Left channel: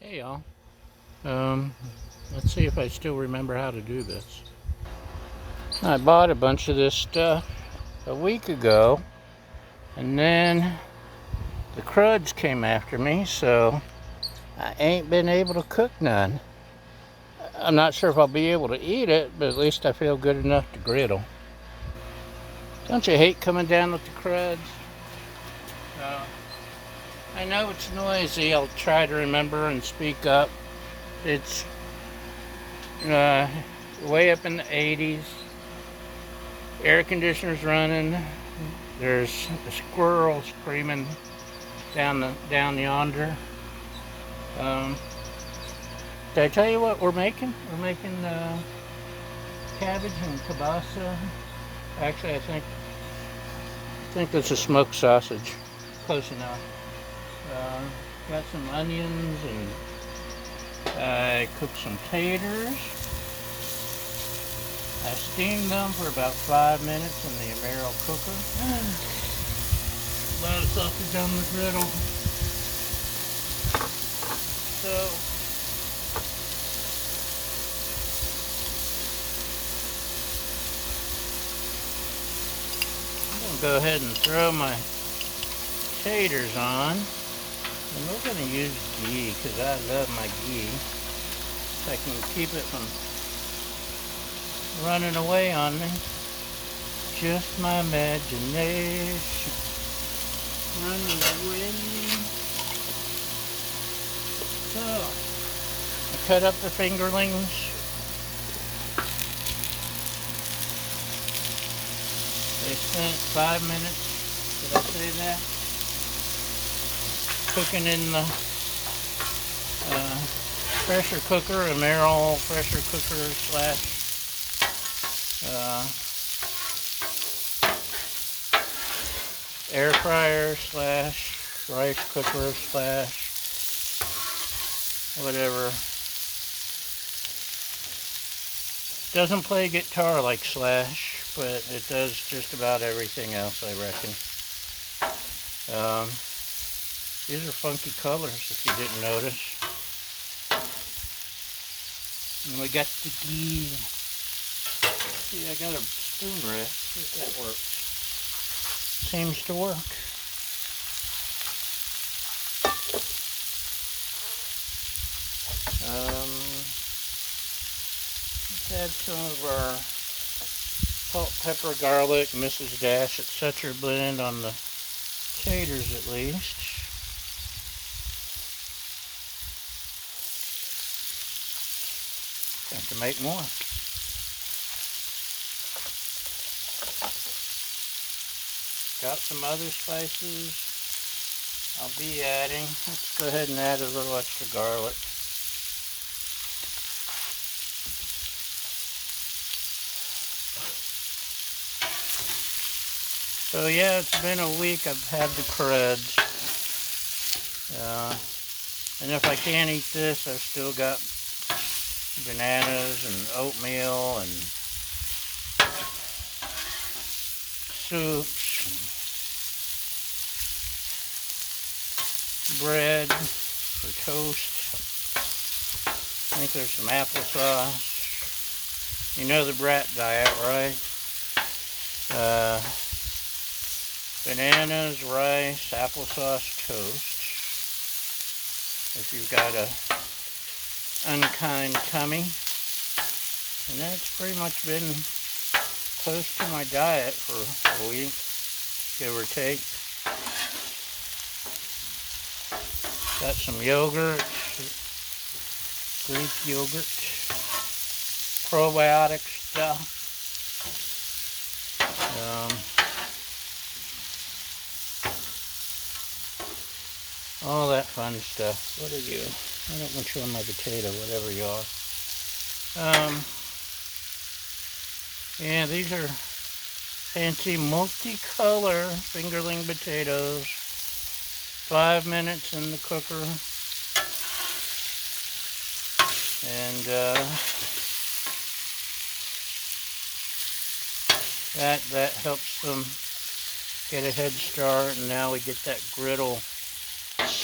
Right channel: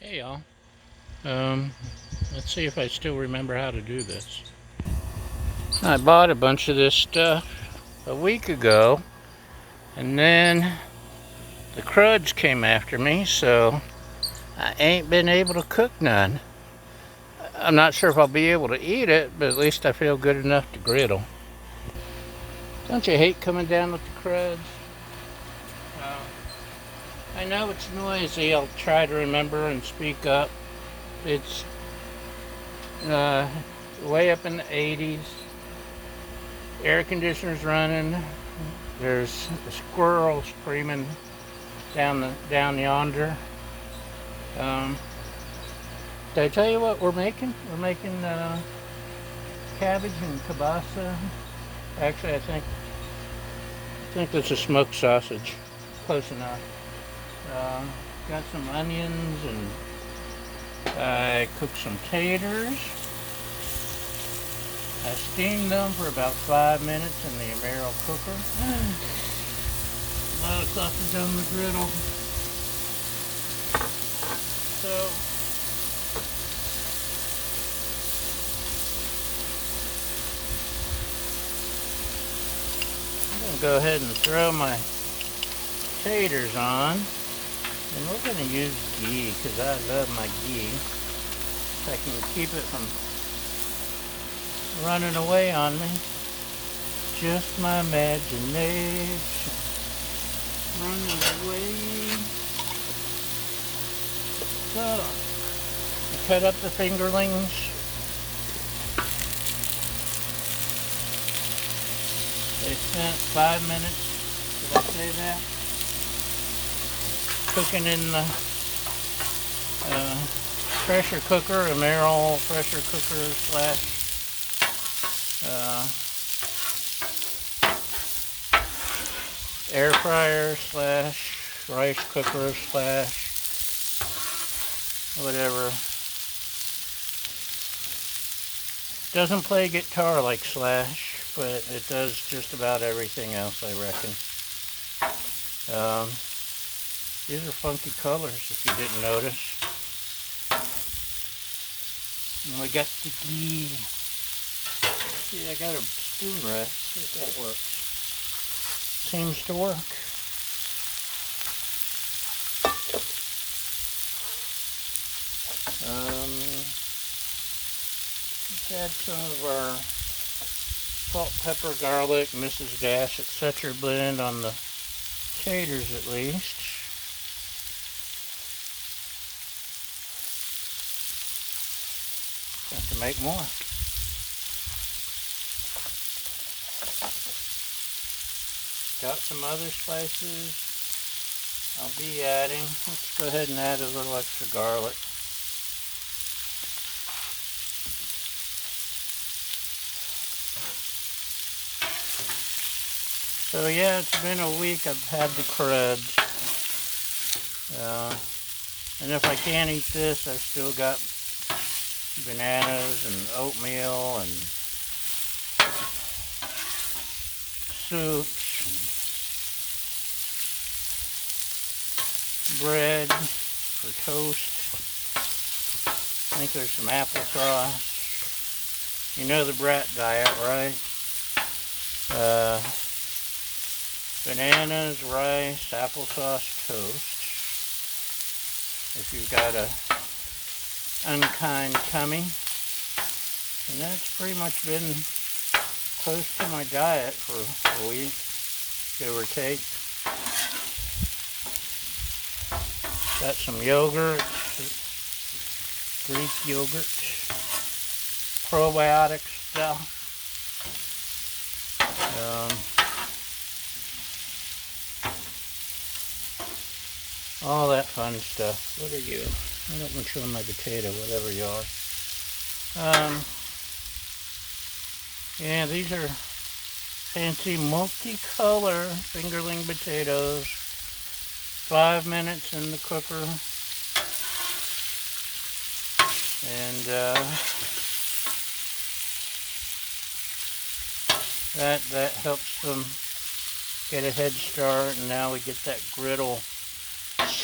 Hey y'all. Let's see if I still remember how to do this. I bought a bunch of this stuff a week ago, and then the cruds came after me, so I ain't been able to cook none. I'm not sure if I'll be able to eat it, but at least I feel good enough to griddle. Don't you hate coming down with the cruds? Uh, I know it's noisy. I'll try to remember and speak up. It's uh, way up in the 80s. Air conditioner's running. There's a squirrel screaming down yonder. Um, did I tell you what we're making? We're making cabbage and kielbasa. Actually, I think that's a smoked sausage. Close enough. Uh, got some onions and I cooked some taters. I steamed them for about 5 minutes in the Emerald cooker. A lot of sausage on the griddle. So I'm going to go ahead and throw my taters on. And we're going to use ghee because I love my ghee. So I can keep it from running away on me. Just my imagination running away. So, I cut up the fingerlings. They spent 5 minutes, did I say that? Cooking in the pressure cooker, a Merrill pressure cooker slash air fryer slash rice cooker slash whatever. Doesn't play guitar like Slash, but it does just about everything else, I reckon. These are funky colors, if you didn't notice. And we got the ghee. See, I got a spoon rest. See if that works. Seems to work. Let's add some of salt, pepper, garlic, Mrs. Dash, etc. blend on the taters at least. Have to make more. Got some other spices I'll be adding. Let's go ahead and add a little extra garlic. So yeah, it's been a week I've had the cruds. And if I can't eat this, I've still got bananas and oatmeal and soups and bread for toast. I think there's some applesauce. You know the brat diet, right? Bananas, rice, applesauce, toast. If you've got a unkind tummy. And that's pretty much been close to my diet for a week, give or take. Got some yogurt, Greek yogurt, probiotic stuff. All that fun stuff. What are you? I don't want to show my potato, whatever you are. Yeah, these are fancy multicolor fingerling potatoes. 5 minutes in the cooker. And that helps them get a head start, and now we get that griddle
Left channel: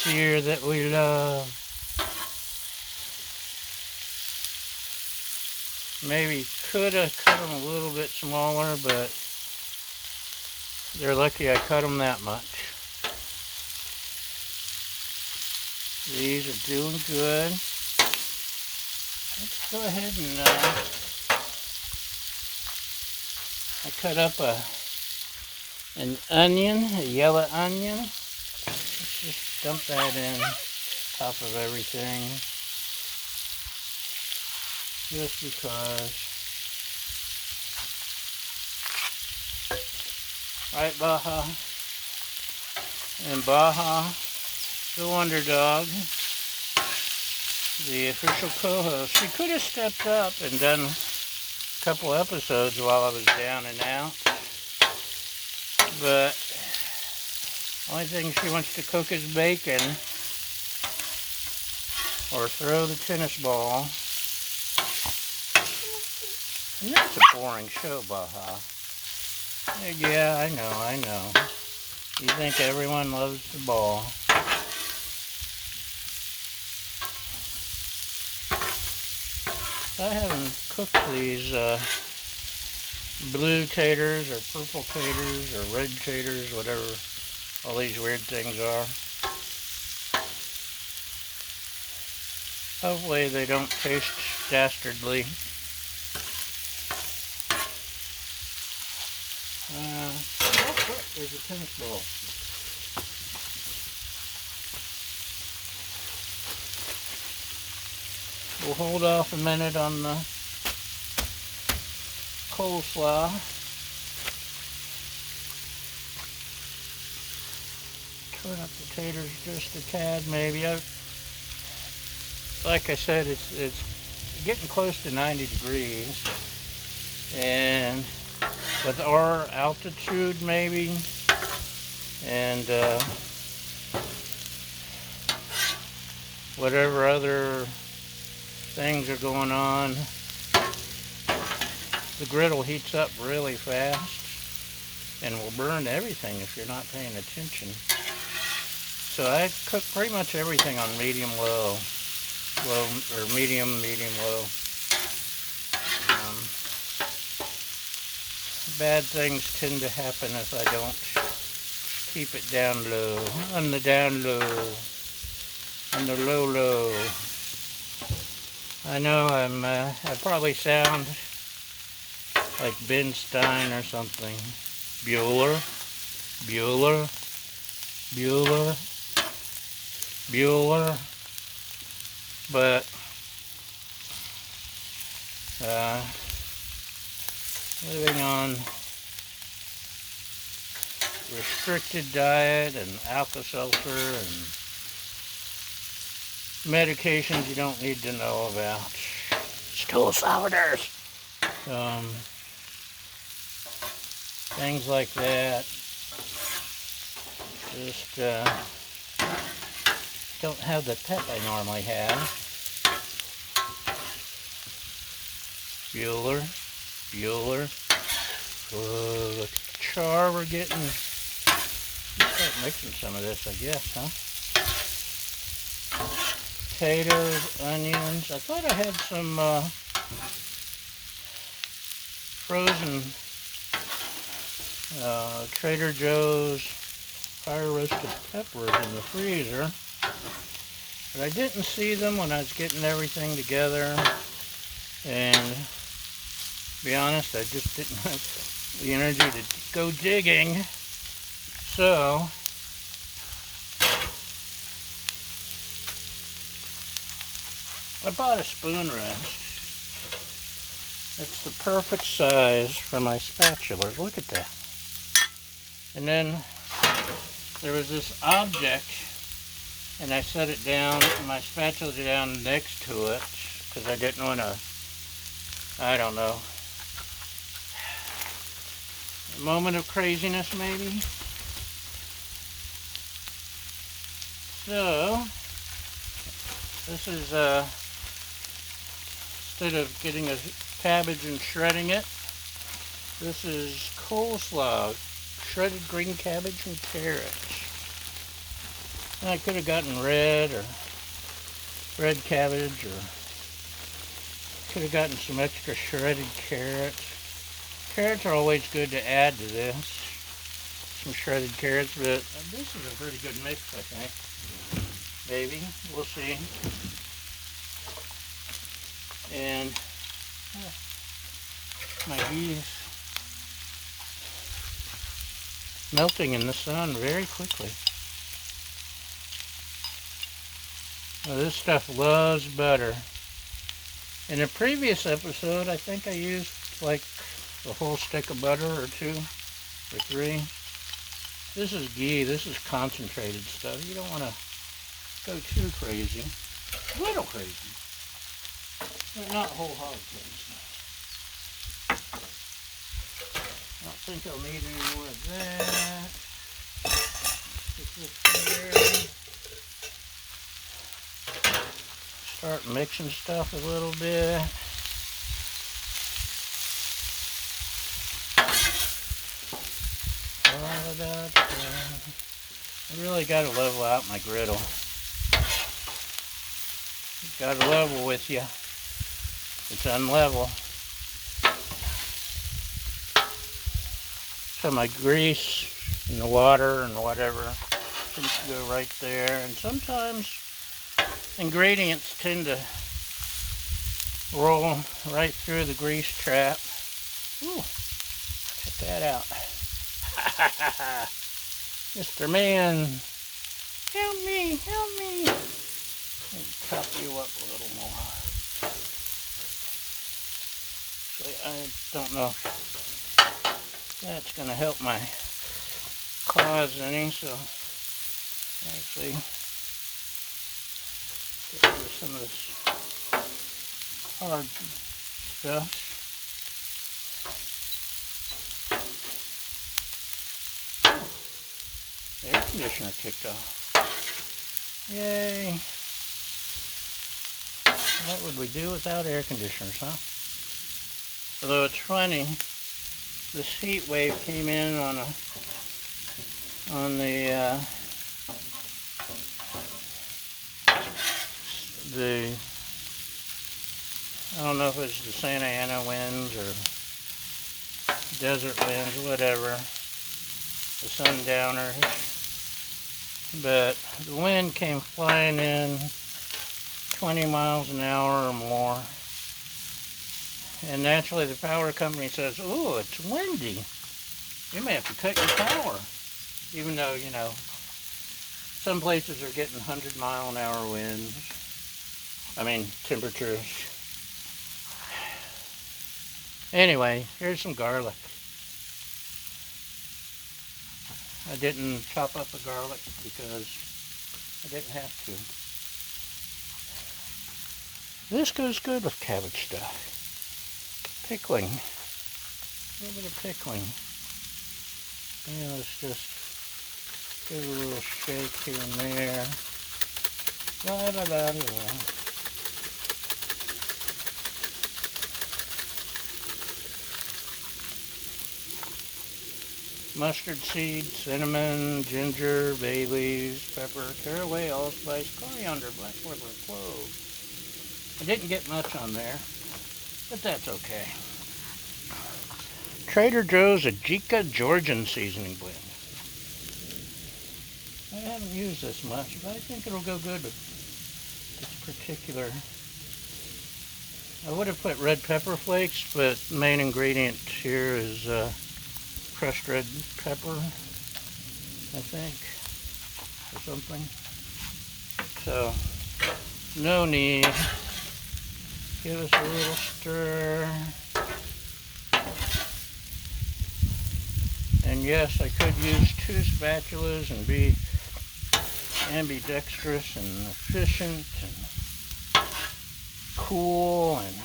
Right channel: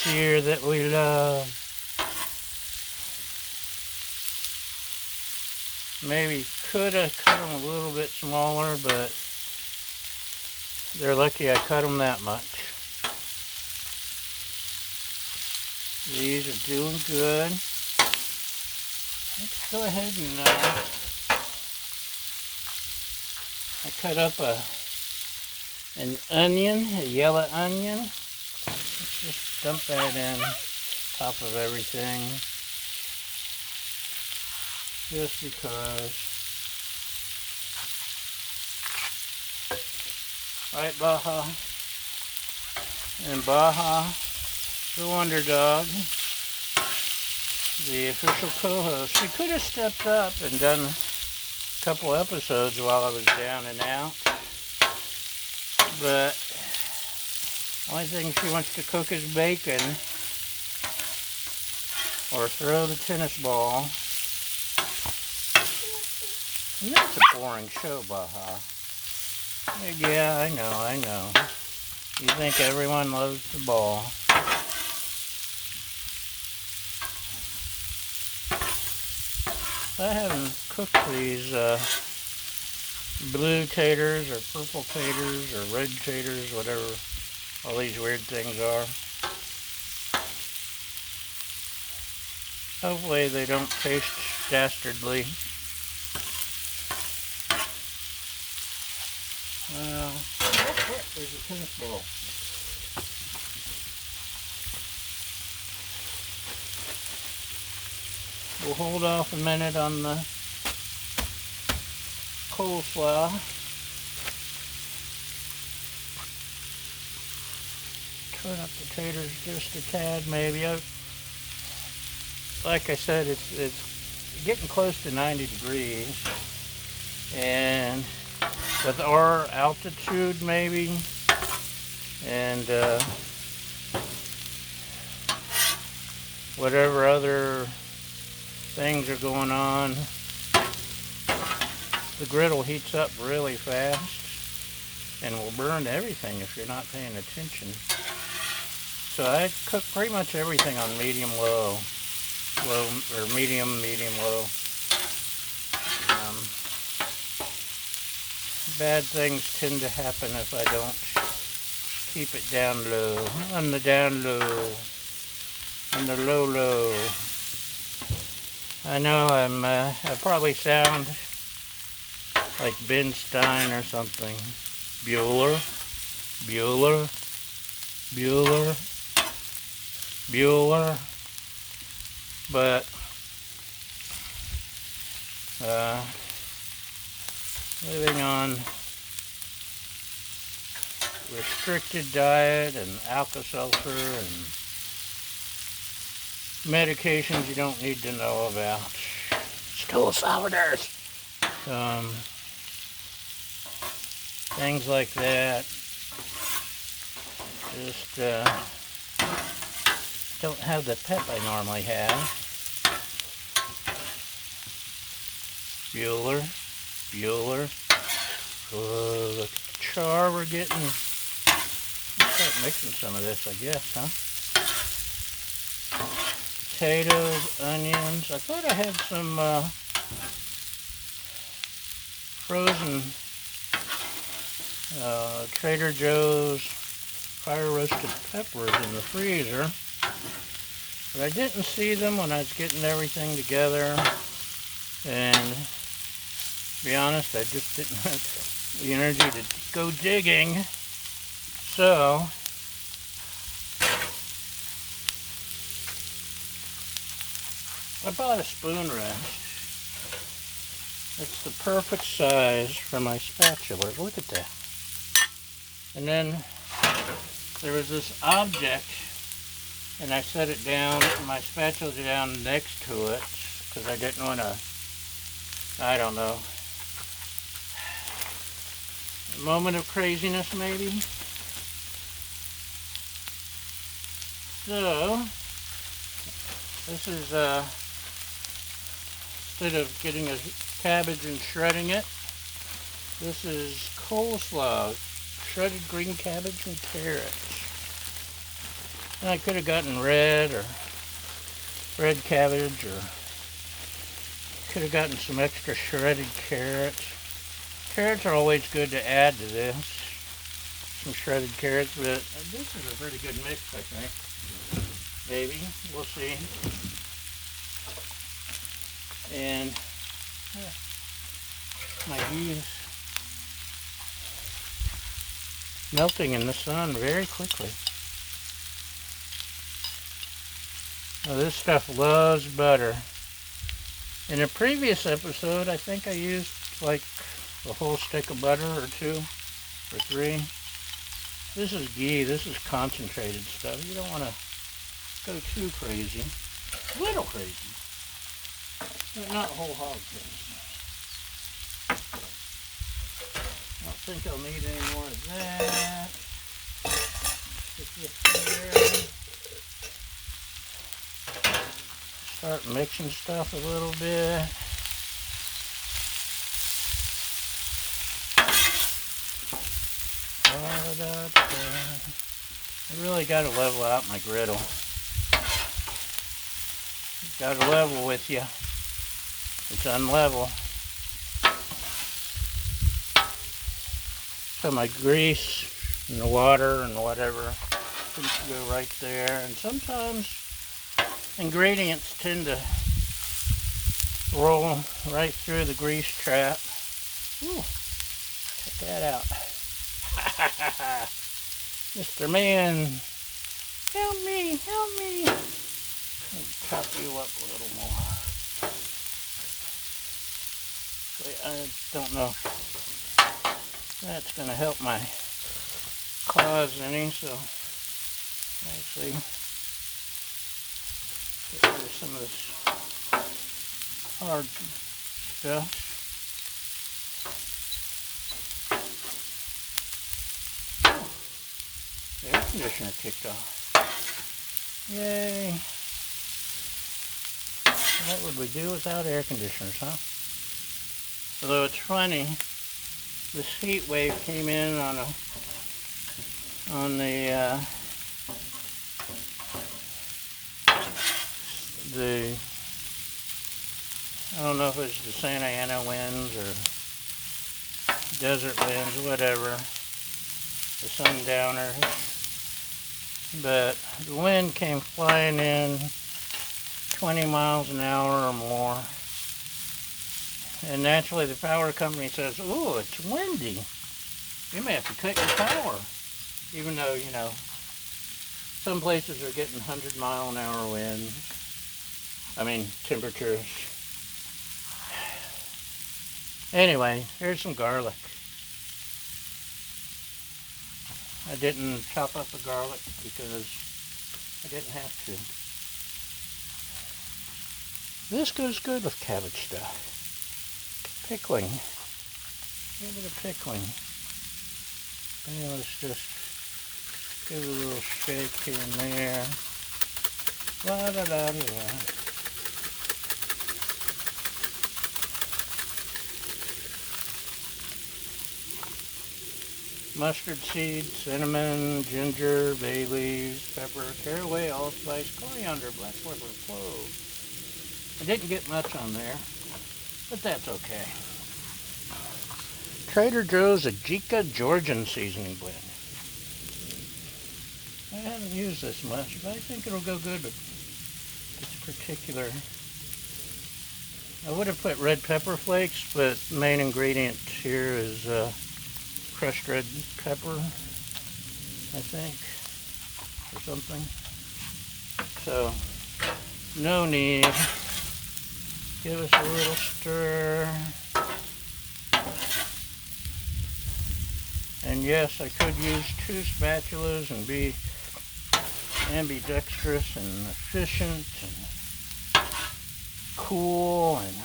sear that we love. Maybe could have cut them a little bit smaller, but they're lucky I cut them that much. These are doing good. Let's go ahead and I cut up an onion, a yellow onion. Let's just dump that in top of everything, just because. Right, Baja? And Baja, the Wonder Dog, the official co-host, he could have stepped up and done a couple episodes while I was down and out, but the only thing she wants to cook is bacon or throw the tennis ball. And that's a boring show, Baja. Yeah, I know. You think everyone loves the ball. I haven't cooked these blue taters or purple taters or red taters, whatever all these weird things are. Hopefully they don't taste dastardly. Oh crap, there's a tennis ball. We'll hold off a minute on the coleslaw. Turn up the taters just a tad, maybe. Like I said, it's getting close to 90 degrees, and with our altitude maybe, and whatever other things are going on, the griddle heats up really fast and will burn everything if you're not paying attention. So I cook pretty much everything on medium-low, or medium-low. Bad things tend to happen if I don't keep it down low, on the down low, on the low. I know I probably sound like Ben Stein or something. Bueller, but living on restricted diet and Alka-Seltzer and medications you don't need to know about. Stool softeners. Things like that. Just don't have the pep I normally have. Bueller. The char we're getting. Let's start mixing some of this, I guess, huh? Potatoes, onions. I thought I had some frozen Trader Joe's fire roasted peppers in the freezer, but I didn't see them when I was getting everything together, and to be honest, I just didn't have the energy to go digging. So I bought a spoon rest. It's the perfect size for my spatula. Look at that. And then there was this object, and I set it down, my spatula down next to it, because I didn't want to, I don't know, a moment of craziness maybe. So, this is, instead of getting a cabbage and shredding it, this is coleslaw, shredded green cabbage and carrots. And I could have gotten red cabbage or could have gotten some extra shredded carrots. Carrots are always good to add to this. Some shredded carrots, but this is a pretty good mix, I think. Maybe. We'll see. And my bees melting in the sun very quickly. Now this stuff loves butter. In a previous episode, I think I used like a whole stick of butter or 2 or 3. This is ghee. This is concentrated stuff. You don't want to go too crazy. A little crazy. But not whole hog crazy. I don't think I'll need any more of that. Put this there. Start mixing stuff a little bit. I really got to level out my griddle. Got to level with you. It's unlevel. So my grease and the water and whatever seems to go right there. And sometimes ingredients tend to roll right through the grease trap. Ooh, check that out. Mr. Man, help me, help me. Let me top you up a little more. I don't know if that's going to help my claws any, so let's see. Get rid of some of this hard stuff. The air conditioner kicked off. Yay. What would we do without air conditioners, huh? Although it's funny, this heat wave came in on the I don't know if it's the Santa Ana winds or desert winds or whatever, the sundowner, but the wind came flying in 20 miles an hour or more. And naturally the power company says, "Oh, it's windy. You may have to cut your power." Even though, you know, some places are getting 100-mile-an-hour winds. I mean, temperatures. Anyway, there's some garlic. I didn't chop up the garlic because I didn't have to. This goes good with cabbage stuff. Pickling. A little bit of pickling. And let's just give it a little shake here and there. La da da da. Mustard seed, cinnamon, ginger, bay leaves, pepper, caraway, allspice, coriander, black pepper, cloves. I didn't get much on there, but that's okay. Trader Joe's Ajika Georgian seasoning blend. I haven't used this much, but I think it'll go good with this particular. I would have put red pepper flakes, but the main ingredient here is crushed red pepper, I think, or something. So, no need. Give us a little stir. And yes, I could use 2 spatulas and be ambidextrous and efficient and cool and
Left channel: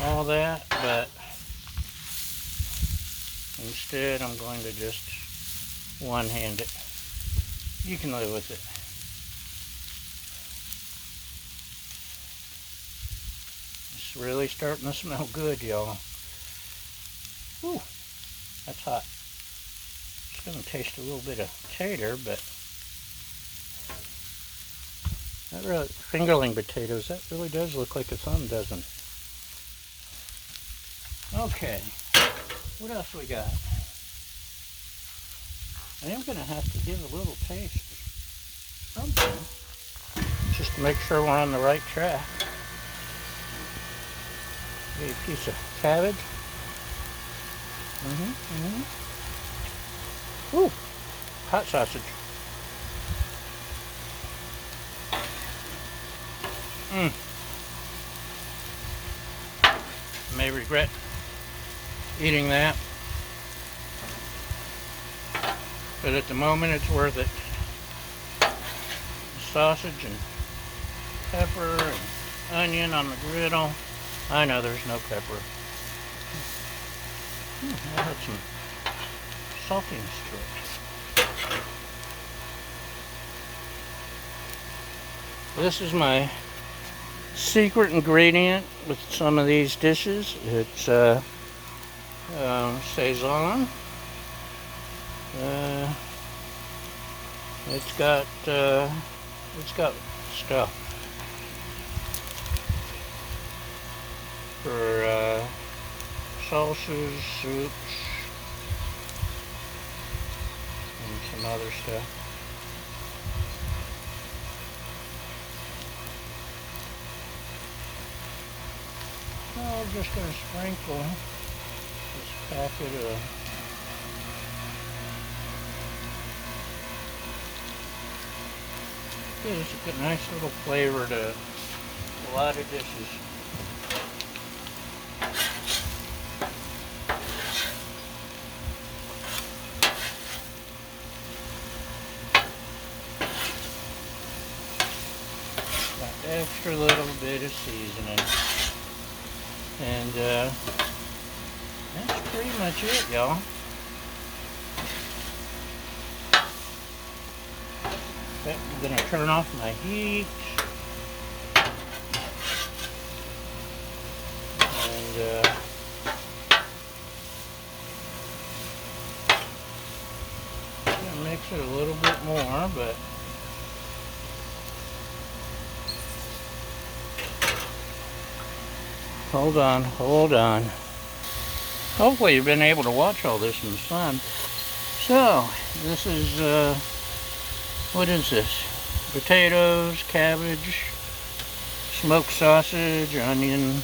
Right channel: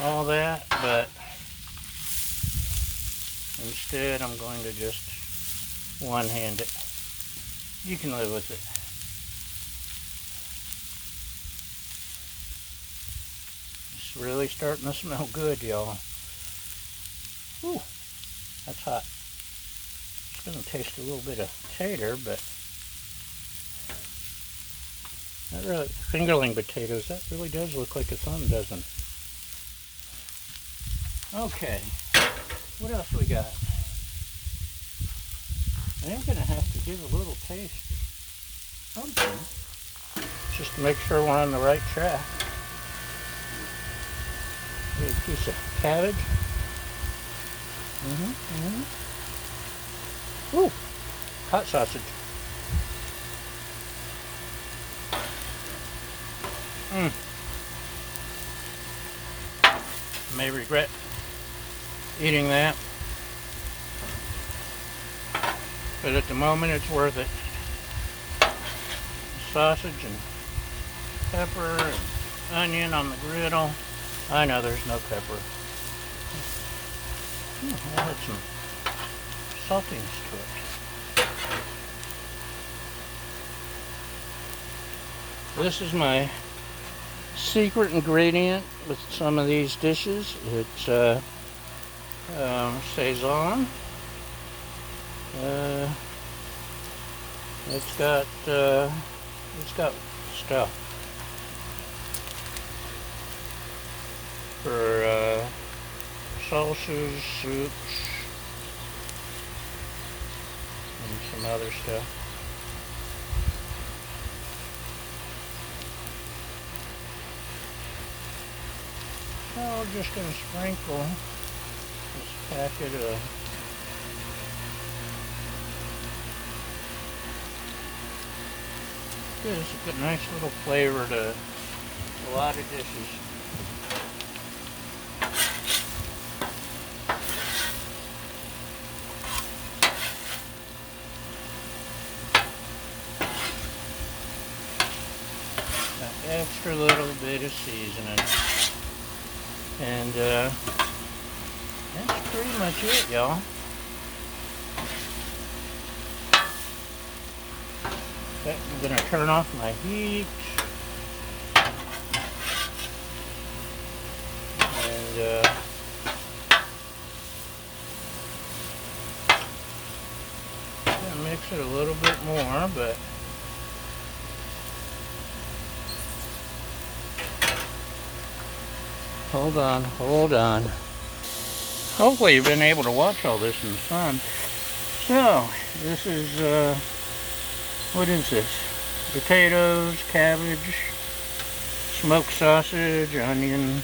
all that, but instead I'm going to just one-hand it. You can live with it. It's really starting to smell good, y'all. Whew. That's hot. It's going to taste a little bit of tater, but That really, fingerling potatoes, that really does look like a thumb, doesn't it? Okay, what else we got? I am going to have to give a little taste of something, just to make sure we're on the right track. Maybe a piece of cabbage. Ooh, hot sausage. May regret eating that, but at the moment it's worth it. Sausage and pepper and onion on the griddle. I know there's no pepper. I'll add some saltiness to it. This is my secret ingredient with some of these dishes. It's Saison. It's got stuff for salsas, soups, and some other stuff. I'm just going to sprinkle this packet of this. It's a nice little flavor to a lot of dishes. Got extra little bit of seasoning. And that's pretty much it, y'all. I'm going to turn off my heat. And mix it a little bit more, but hold on. Hopefully you've been able to watch all this in the sun. So, this is, what is this? Potatoes, cabbage, smoked sausage, onion,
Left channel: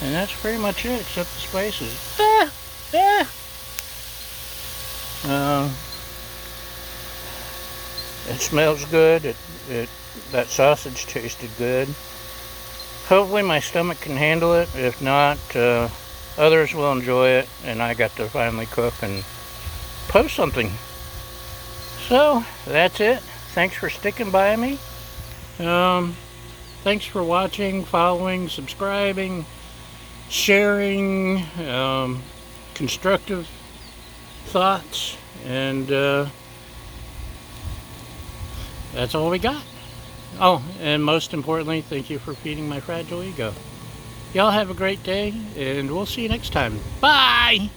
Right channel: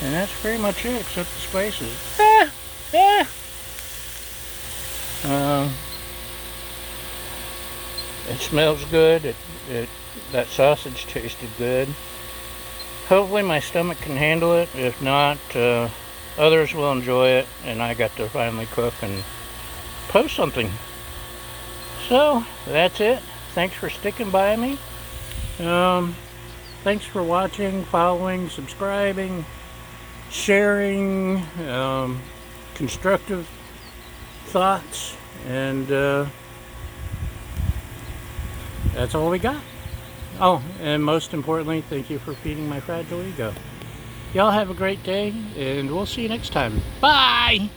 and that's pretty much it, except the spices. It smells good. That sausage tasted good. Hopefully my stomach can handle it. If not, others will enjoy it, and I got to finally cook and post something. So, that's it. Thanks for sticking by me. Thanks for watching, following, subscribing, sharing, constructive thoughts, and that's all we got. Oh, and most importantly, thank you for feeding my fragile ego. Y'all have a great day, and we'll see you next time. Bye!